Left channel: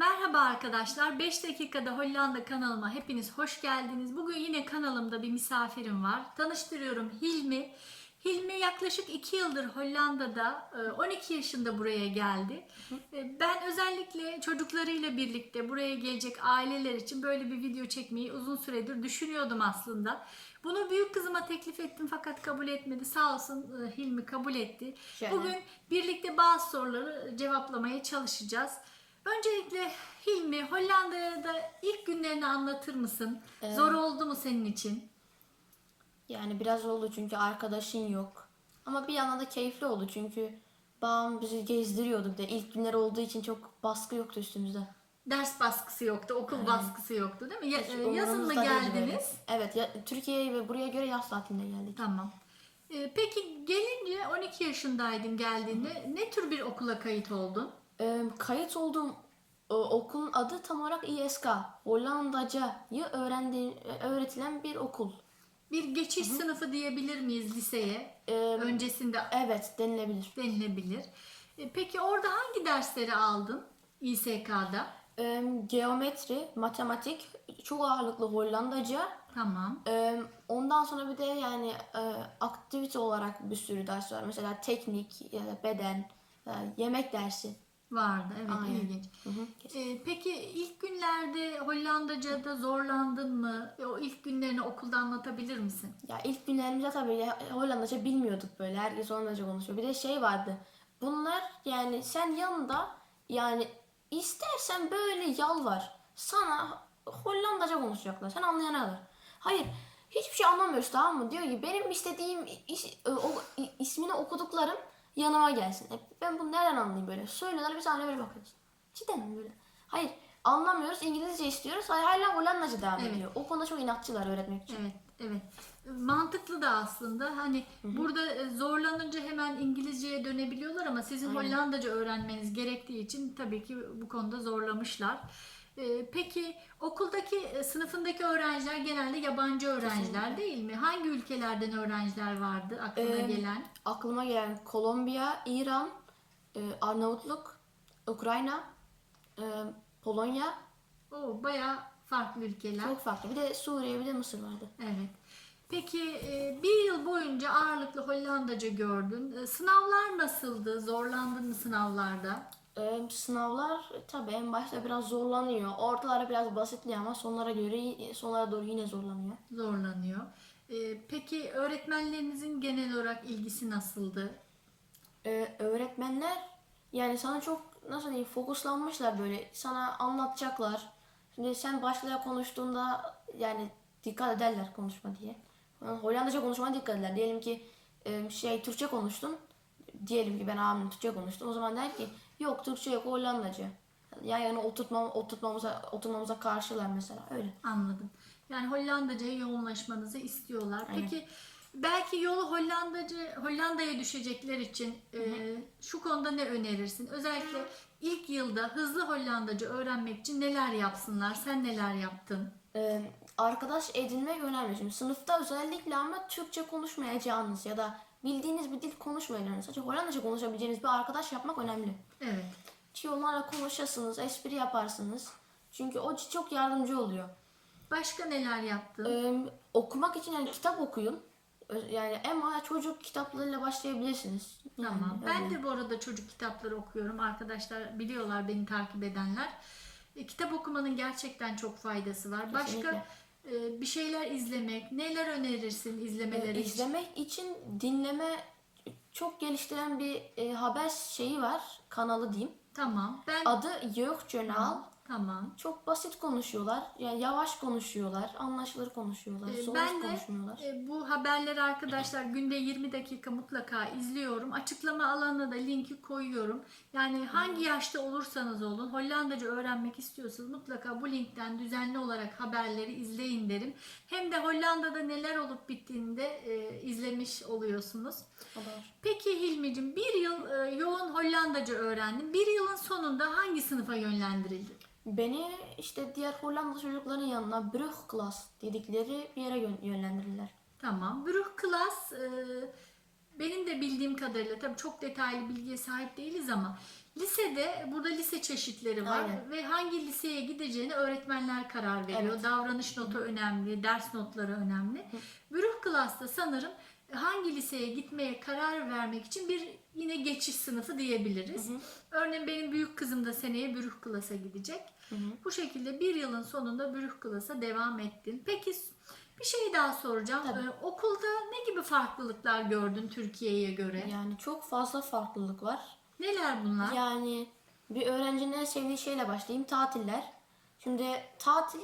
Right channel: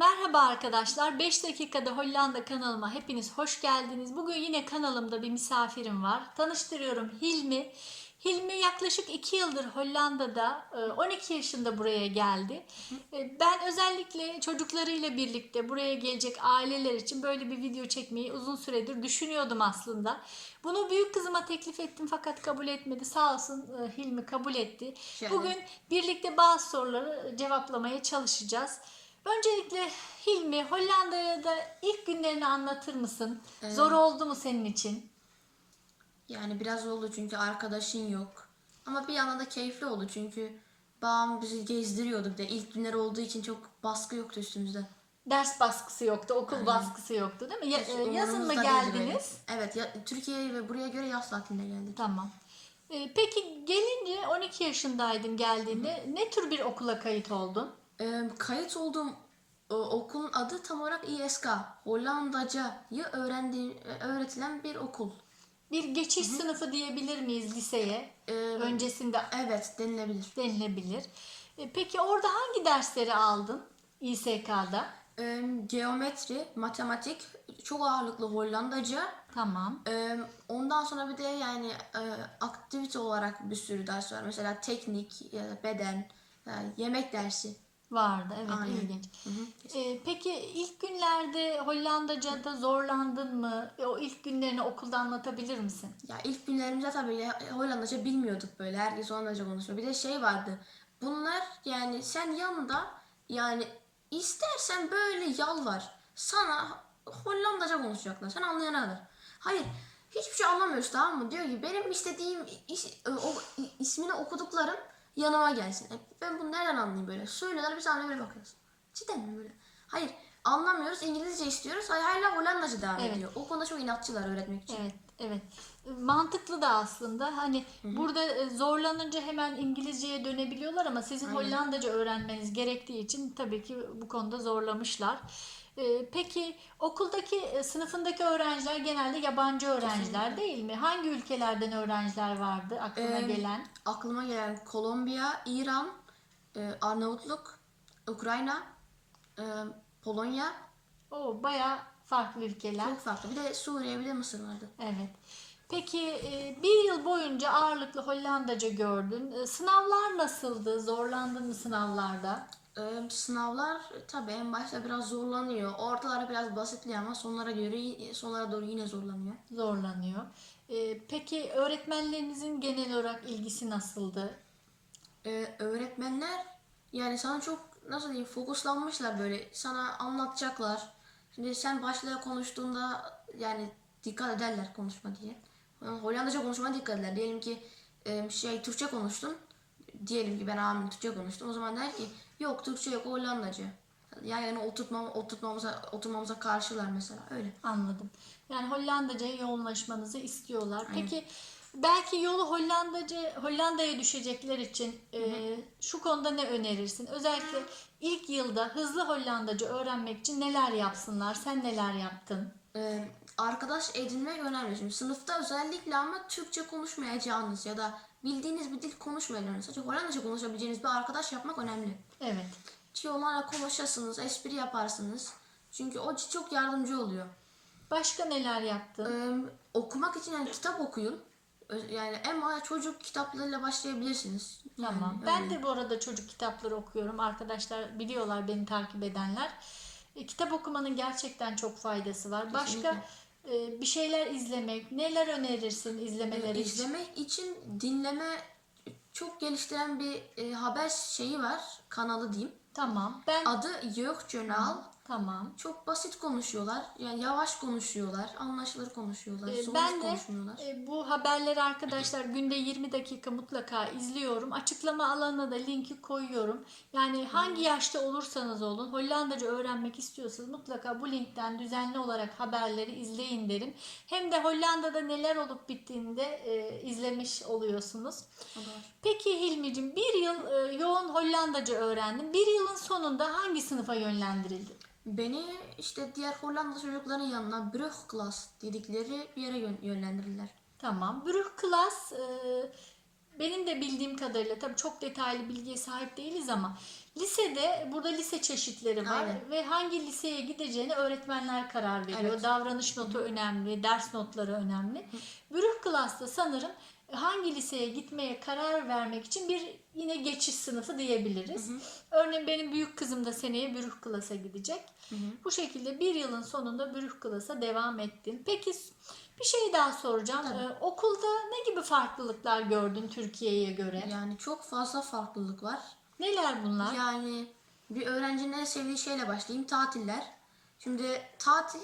Merhaba arkadaşlar. 5 dakikada Hollanda kanalıma hepiniz hoş geldiniz. Bugün yine kanalımda bir misafirim var. Tanıştırıyorum Hilmi. Hilmi yaklaşık 2 yıldır Hollanda'da, e, 12 yaşında buraya geldi. E, Ben özellikle çocuklarıyla birlikte buraya gelecek aileler için böyle bir video çekmeyi uzun süredir düşünüyordum aslında. Bunu büyük kızıma teklif ettim fakat kabul etmedi. Sağ olsun e, Hilmi kabul etti. Şöyle. Bugün birlikte bazı soruları cevaplamaya çalışacağız. Öncelikle Hilmi Hollanda'da ilk günlerini anlatır mısın? Ee, Zor oldu mu senin için? Yani biraz oldu çünkü arkadaşın yok. Ama bir yandan da keyifli oldu çünkü babam bizi gezdiriyordu bir de ilk günler olduğu için çok baskı yoktu üstümüzde. Ders baskısı yoktu, okul baskısı yoktu değil mi? Ya- Hiç e, yazın mı umurumuzda değildi geldiniz? Evet ya, Türkiye'ye ve buraya göre yaz tatilinde geldik. Tamam. E, Peki gelince 12 yaşındaydın geldiğinde ne tür bir okula kayıt oldun? Ee, kayıt olduğum e, okulun adı tam olarak İSK. Hollandacayı öğrendiği, öğretilen bir okul. Bir geçiş sınıfı diyebilir miyiz liseye? Ee, Öncesinde evet denilebilir. denilebilir. E, Peki orada hangi dersleri aldın İSK'da? Ee, geometri, matematik, çok ağırlıklı Hollandaca. Tamam. Ee, ondan sonra bir de yani e, aktivite olarak bir sürü ders var. Mesela teknik ya da beden, yani yemek dersi. Vardı evet Aynen. ilginç. Hı hı. Ee, peki ilk günlerde Hollandaca'da zorlandın mı? E, O ilk günlerini okulda anlatabilir misin? Ya ilk günlerimizde tabii Hollandaca bilmiyorduk böyle. Herkes Hollandaca konuşuyor. Bir de şey vardı. Bunlar yani sen yanında yani istersen böyle yalvar. Sana Hollandaca konuşacaklar. Sen anlayana kadar. Hayır. Hiçbir şey anlamıyoruz tamam mı? Diyor ki benim istediğim is- e, o, ismini okuduklarım yanıma gelsin. E, Ben bunu nereden anlayayım böyle? Söylüyorlar biz anlamaya böyle bakıyoruz. Cidden mi böyle? Hayır. Anlamıyoruz. İngilizce istiyoruz. Hayır, hala Hollandaca devam Evet. ediyor. O konuda çok inatçılar öğretmek için. Evet, evet. Mantıklı da aslında. Hani burada e, zorlanınca hemen İngilizceye dönebiliyorlar ama sizin Hollandaca öğrenmeniz gerektiği için tabii ki bu konuda zorlamışlar. Ee, Peki okuldaki e, sınıfındaki öğrenciler genelde yabancı öğrenciler Kesinlikle. değil mi? Hangi ülkelerden öğrenciler vardı aklına Ee, gelen? aklıma gelen Kolombiya, İran, e, Arnavutluk, Ukrayna, e, Polonya O bayağı farklı ülkeler. çok farklı. Bir de Suriye bir de Mısır vardı. Evet. Peki bir yıl boyunca ağırlıklı Hollandaca gördün. Sınavlar nasıldı? Zorlandın mı sınavlarda? E, sınavlar tabii en başta biraz zorlanıyor. Ortaları biraz basitliyor ama sonlara göre sonlara doğru yine zorlanıyor. Zorlanıyor. E, Peki öğretmenlerinizin genel olarak ilgisi nasıldı? E, öğretmenler yani sana çok nasıl diyeyim fokuslanmışlar böyle sana anlatacaklar. Şimdi sen başlaya konuştuğunda yani dikkat ederler konuşma diye. Yani Hollandaca konuşmaya dikkat ederler. Diyelim ki şey Türkçe konuştun. Diyelim ki ben abimle Türkçe konuştum. O zaman der ki yok Türkçe yok Hollandaca. Yani yani oturtmam, oturtmamıza, oturmamıza karşılar mesela öyle. Anladım. Yani Hollandaca'ya yoğunlaşmanızı istiyorlar. Aynen. Peki belki yolu Hollandaca Hollanda'ya düşecekler için e, şu konuda ne önerirsin? Özellikle ilk yılda hızlı Hollandaca öğrenmek için neler yapsınlar? Sen neler yaptın? Ee, arkadaş edinmek önemli. Şimdi sınıfta özellikle ama Türkçe konuşmayacağınız ya da bildiğiniz bir dil konuşmayacağınız, sadece Hollandaca konuşabileceğiniz bir arkadaş yapmak önemli. Evet. Ki onlarla konuşasınız, espri yaparsınız. Çünkü o çok yardımcı oluyor. Başka neler yaptın? Ee, okumak için yani kitap okuyun. Yani en bana çocuk kitaplarıyla başlayabilirsiniz. Yani Tamam. Ben öyle. de bu arada çocuk kitapları okuyorum. Arkadaşlar biliyorlar beni takip edenler. E, kitap okumanın gerçekten çok faydası var. Başka Kesinlikle. e, bir şeyler izlemek, neler önerirsin izlemeleri Ee, için? izlemek için dinleme çok geliştiren bir e, haber şeyi var. Kanalı diyeyim. Tamam. Ben Adı Yok Journal. Tamam. Çok basit konuşuyorlar. Yani yavaş konuşuyorlar. Anlaşılır konuşuyorlar. Ee, ben de konuşmuyorlar. e, bu haberleri arkadaşlar günde 20 dakika mutlaka izliyorum. Açıklama alanına da linki koyuyorum. Yani hangi yaşta olursanız olun Hollandaca öğrenmek istiyorsanız mutlaka bu linkten düzenli olarak haberleri izleyin derim. Hem de Hollanda'da neler olup bittiğini de e, izlemiş oluyorsunuz. O da var. Peki Hilmi'cim bir yıl e, yoğun Hollandaca öğrendin. Bir yılın sonunda hangi sınıfa yönlendirildin? Beni işte diğer Hollanda çocukların yanına Brugklas dedikleri bir yere yön- yönlendirirler. Tamam. Brugklas e, benim de bildiğim kadarıyla tabii çok detaylı bilgiye sahip değiliz ama Lisede burada lise çeşitleri var Aynen. ve hangi liseye gideceğine öğretmenler karar veriyor. Evet. Davranış notu önemli, ders notları önemli. Bürüh Klas'ta sanırım hangi liseye gitmeye karar vermek için bir yine geçiş sınıfı diyebiliriz. Örneğin benim büyük kızım da seneye Bürüh Klas'a gidecek. Bu şekilde bir yılın sonunda Bürüh Klas'a devam ettin. Peki bir şey daha soracağım. Tabii. Ee, okulda ne gibi farklılıklar gördün Türkiye'ye göre? Yani çok fazla farklılık var. Neler bunlar? Yani bir öğrencinin en sevdiği şeyle başlayayım. Tatiller. Şimdi tatil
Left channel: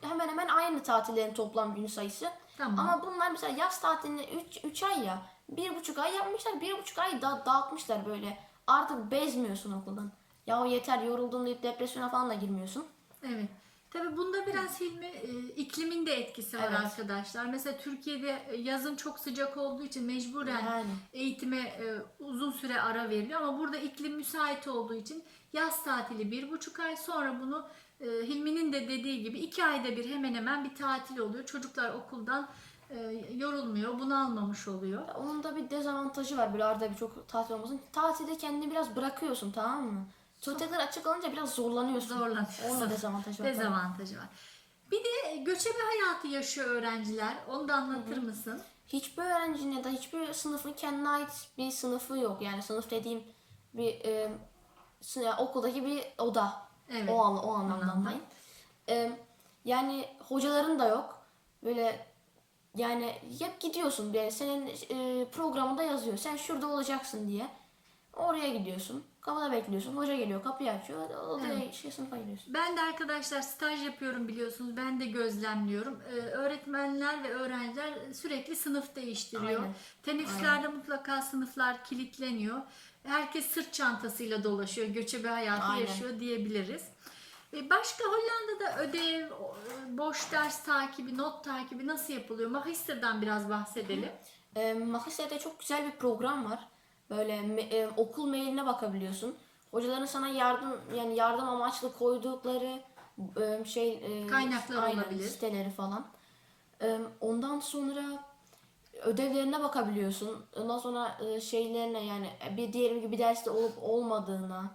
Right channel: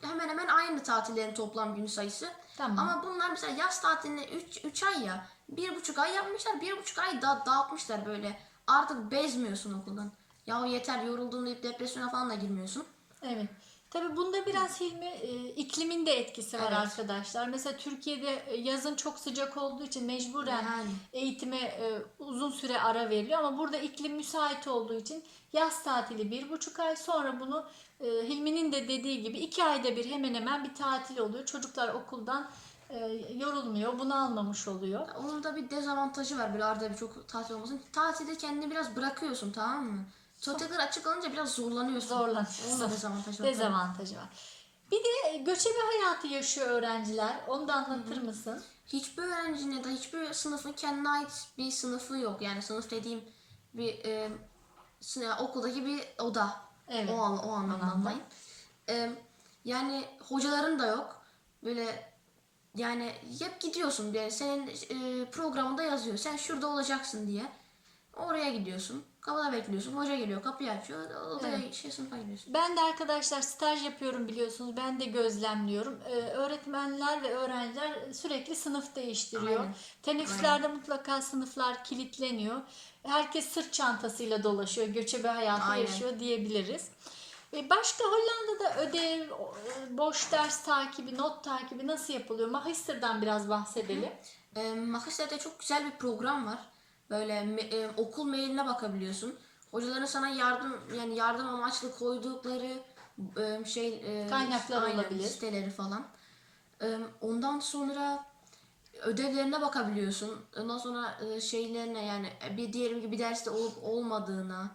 hemen hemen aynı tatillerin toplam gün sayısı. Tamam. Ama bunlar mesela yaz tatilini 3 ay ya. Bir buçuk ay yapmışlar. Bir buçuk ay da dağıtmışlar böyle. Artık bezmiyorsun okuldan. Ya yeter yoruldum deyip depresyona falan da girmiyorsun. Evet. Tabii bunda biraz Hilmi e, iklimin de etkisi var Evet. arkadaşlar. Mesela Türkiye'de e, yazın çok sıcak olduğu için mecburen Yani. eğitime e, uzun süre ara veriliyor ama burada iklim müsait olduğu için yaz tatili bir buçuk ay sonra bunu e, Hilmi'nin de dediği gibi iki ayda bir hemen hemen bir tatil oluyor. Çocuklar okuldan e, yorulmuyor, bunalmamış oluyor. Onun da bir dezavantajı var böyle arada bir çok tatil olmasın. Tatilde kendini biraz bırakıyorsun tamam mı? Tekrar açık alınca biraz zorlanıyorsun. Zorlanıyorsun. Onun da dezavantajı var. Dezavantajı var. Bir de göçebe hayatı yaşıyor öğrenciler. Onu da anlatır mısın? Hiçbir öğrencinin ya da hiçbir sınıfın kendine ait bir sınıfı yok. Yani sınıf dediğim bir e, okuldaki bir oda. Evet. O, o anlamda. Anlamda. E, yani hocaların da yok. Böyle yani hep gidiyorsun. Yani senin e, programında yazıyor. Sen şurada olacaksın diye. Oraya gidiyorsun. Kapıda bekliyorsun. Hoca geliyor. Kapıyı açıyor. Odaya şey, sınıfa gidiyorsun. Ben de arkadaşlar staj yapıyorum biliyorsunuz. Ben de gözlemliyorum. Ee, öğretmenler ve öğrenciler sürekli sınıf değiştiriyor. Aynen. Teneffüslerde mutlaka sınıflar kilitleniyor. Herkes sırt çantasıyla dolaşıyor. Göçebe hayatı Aynen. yaşıyor diyebiliriz. Ee, Başka Hollanda'da ödev, e, boş ders takibi, not takibi nasıl yapılıyor? Magister'dan biraz bahsedelim. E, Magister'de çok güzel bir program var. Böyle e, okul mailine bakabiliyorsun. Hocaların sana yardım yani yardım amaçlı koydukları e, şey e, Kaynaklar aynen, olabilir. siteleri falan. E, ondan sonra ödevlerine bakabiliyorsun. Ondan sonra e, şeylerine yani bir diyelim ki bir derste olup olmadığına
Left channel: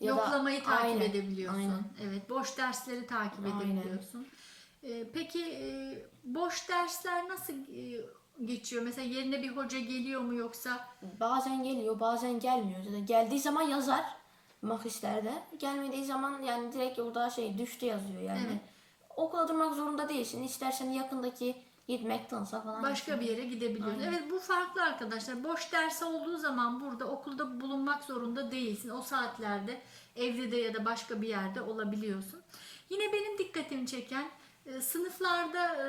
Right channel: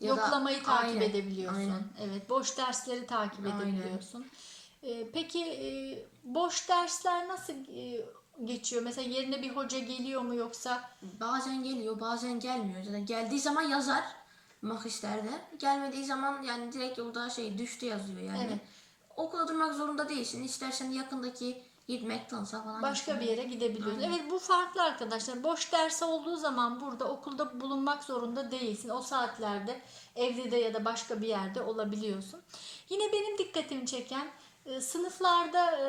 ya da- Yoklamayı takip Aynen, edebiliyorsun. aynen. Evet, boş dersleri takip Aynen. edebiliyorsun. Ee, peki e, boş dersler nasıl e, geçiyor? Mesela yerine bir hoca geliyor mu yoksa Bazen geliyor, bazen gelmiyor. Zaten geldiği zaman yazar Magister'de. Gelmediği zaman yani direkt orada şey düştü yazıyor yani. Evet. Okula durmak zorunda değilsin. İstersen yakındaki gitmek tanısa falan. başka bir yere gidebiliyorsun? Evet bu farklı arkadaşlar. Boş ders olduğu zaman burada okulda bulunmak zorunda değilsin. O saatlerde evde de ya da başka bir yerde olabiliyorsun. Yine benim dikkatimi çeken e, sınıflarda e,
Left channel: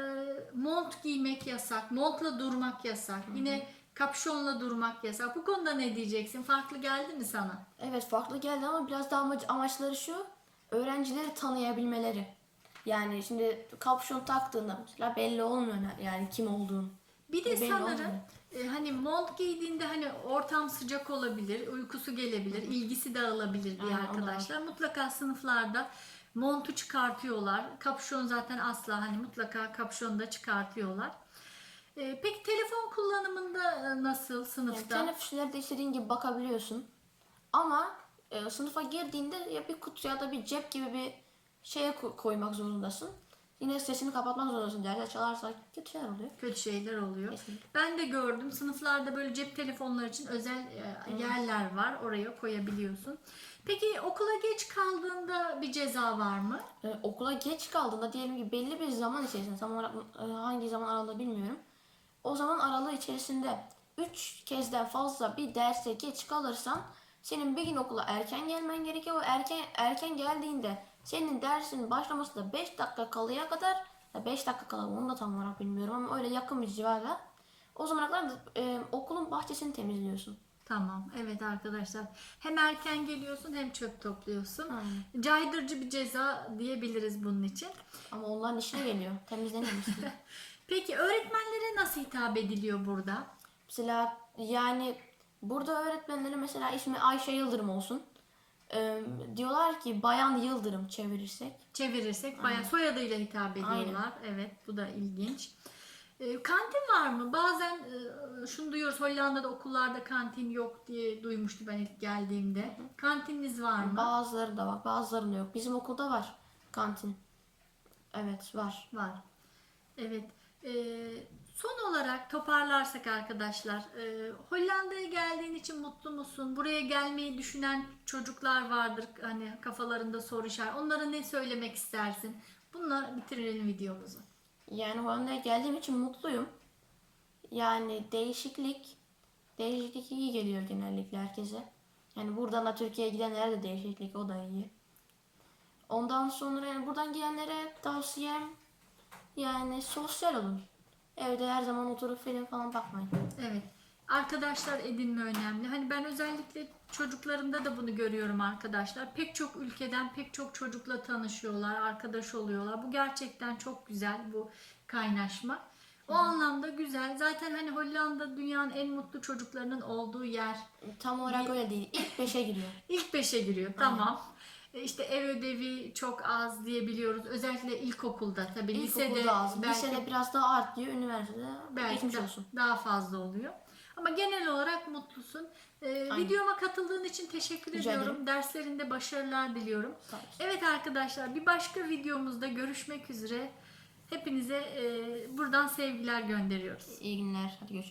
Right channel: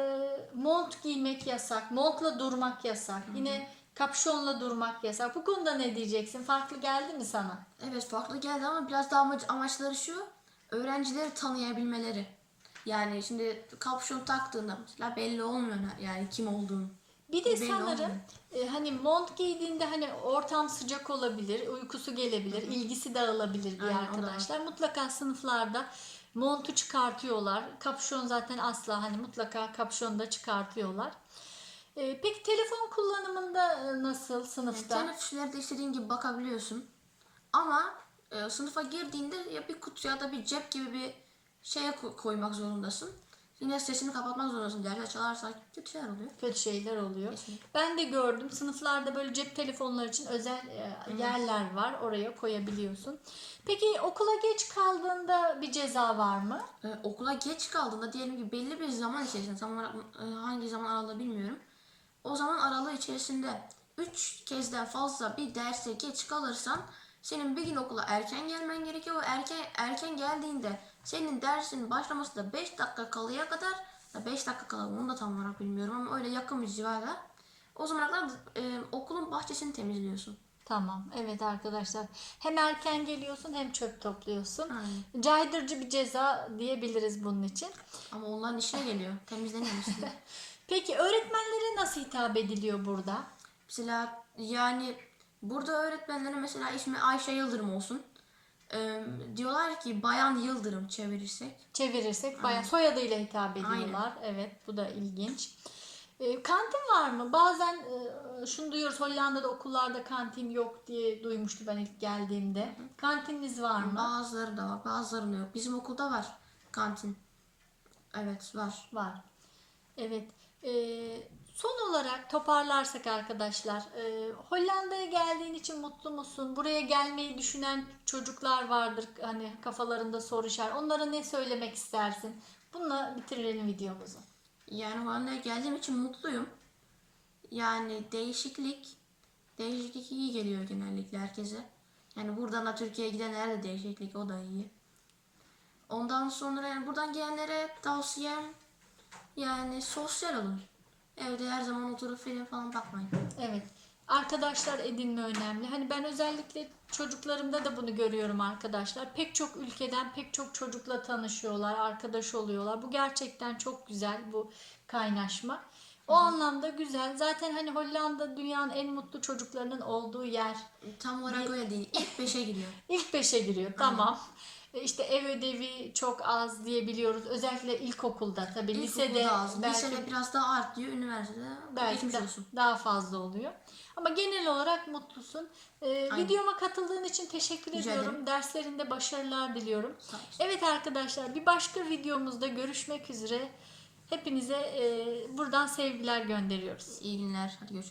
mont giymek yasak, montla durmak yasak. Yine kapşonla durmak yasak. Bu konuda ne diyeceksin? Farklı geldi mi sana? Evet farklı geldi ama biraz daha amaç- amaçları şu. Öğrencileri tanıyabilmeleri. Yani şimdi kapşon taktığında mesela belli olmuyor yani kim olduğun. Bir de Belli sanırım e, hani mont giydiğinde hani ortam sıcak olabilir, uykusu gelebilir, ilgisi dağılabilir diye Aynen, arkadaşlar. Mutlaka sınıflarda montu çıkartıyorlar. Kapşon zaten asla hani mutlaka kapşonu da çıkartıyorlar. E, peki telefon kullanımında e, nasıl Yani sınıfta? teneffüslerde istediğin gibi bakabiliyorsun. Ama e, sınıfa girdiğinde ya bir kutu ya da bir cep gibi bir şeye ko- koymak zorundasın. Yine sesini kapatmak zorundasın. Derse çalarsa kötü şeyler oluyor. kötü şeyler oluyor. Kesinlikle. Ben de gördüm sınıflarda böyle cep telefonları için özel e, yerler var. Oraya koyabiliyorsun. Peki okula geç kaldığında bir ceza var mı? Ee, okula geç kaldığında diyelim ki belli bir zaman içerisinde tam olarak e, hangi zaman aralığı bilmiyorum. O zaman aralığı içerisinde 3 kezden fazla bir derse geç kalırsan senin bir gün okula erken gelmen gerekiyor. O erken erken geldiğinde senin dersin başlaması da 5 dakika kalıya kadar 5 dakika kala onu da tam olarak bilmiyorum ama öyle yakın bir civarda. O zamana kadar e, okulun bahçesini temizliyorsun. Tamam. Evet arkadaşlar. Hem erken geliyorsun hem çöp topluyorsun. Aynen. Caydırıcı bir ceza diyebiliriz bunun için. Ama onların işine geliyor. Temizleniyor işte. Peki öğretmenlere nasıl hitap ediliyor burada? Mesela yani burada öğretmenlere mesela ismi Ayşe Yıldırım olsun. Ee, diyorlar ki Bayan Yıldırım çevirirsek. Çevirirsek bayağı soyadıyla hitap ediyorlar. Evet bu da ilginç. E, kantin var mı? Bazen e, şunu duyuyoruz Hollanda'da okullarda kantin yok diye duymuştum ben ilk geldiğimde. Kantininiz var mı? Bazıları da var, bazılarında yok. Bizim okulda var kantin. Evet var. Var. Evet. Ee, son olarak toparlarsak arkadaşlar, e, Hollanda'ya geldiğin için mutlu musun? Buraya gelmeyi düşünen çocuklar vardır hani kafalarında soru işareti. Onlara ne söylemek istersin? Bununla bitirelim videomuzu. Yani Hollanda'ya geldiğim için mutluyum. Yani değişiklik, değişiklik iyi geliyor genellikle herkese. Yani buradan da Türkiye'ye gidenlere de değişiklik o da iyi. Ondan sonra yani buradan gelenlere tavsiyem yani sosyal olun. Evde her zaman oturup film falan bakmayın. Evet. Arkadaşlar edinme önemli. Hani ben özellikle çocuklarımda da bunu görüyorum arkadaşlar. Pek çok ülkeden pek çok çocukla tanışıyorlar, arkadaş oluyorlar. Bu gerçekten çok güzel bu kaynaşma. O anlamda güzel. Zaten hani Hollanda dünyanın en mutlu çocuklarının olduğu yer. Tam olarak öyle değil. İlk beşe giriyor. İlk beşe giriyor. Tamam. E, İşte ev ödevi çok az diyebiliyoruz. Özellikle ilkokulda tabii lisede İlkokulda az. belki Lisede biraz daha artıyor. Üniversitede belki geçmiş de olsun. daha fazla oluyor. Ama genel olarak mutlusun. Ee, Aynen. videoma katıldığın için teşekkür Rica ediyorum. ederim. Derslerinde başarılar diliyorum. Evet arkadaşlar bir başka videomuzda görüşmek üzere. Hepinize e, buradan sevgiler gönderiyoruz. İyi günler. Hadi görüşürüz.